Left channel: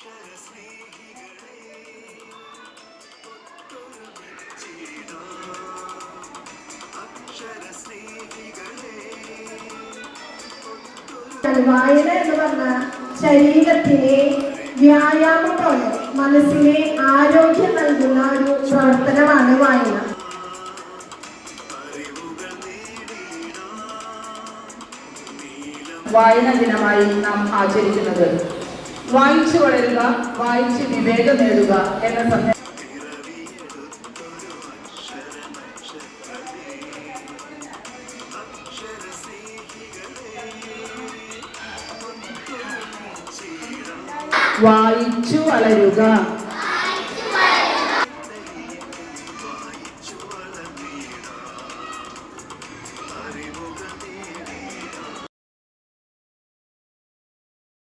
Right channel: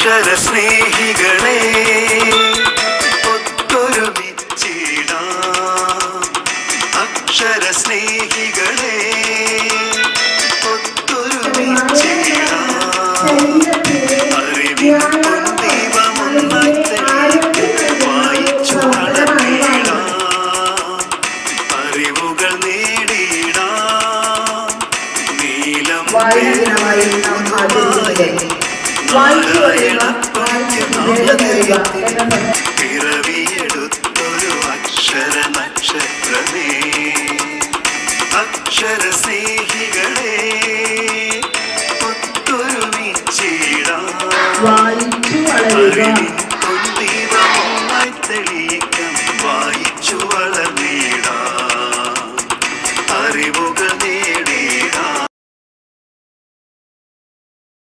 അക്ഷര സ്നേഹികളെ ഒത്തൊരുമിച്ചിടാം. അക്ഷര സ്നേഹികളെ അറിവുകൾ നേടിയിടാം നീലം വായന ദിനമായി നാം ആചരിക്കുന്നത് വായിച്ചു പറയുക. വായിച്ചു നേട്ടം അക്ഷര നക്ഷത്രമേ അക്ഷര സ്നേഹികളെ വായിച്ചു വളരുക. വായിച്ചു വളർന്നിട. അറിവുകൾ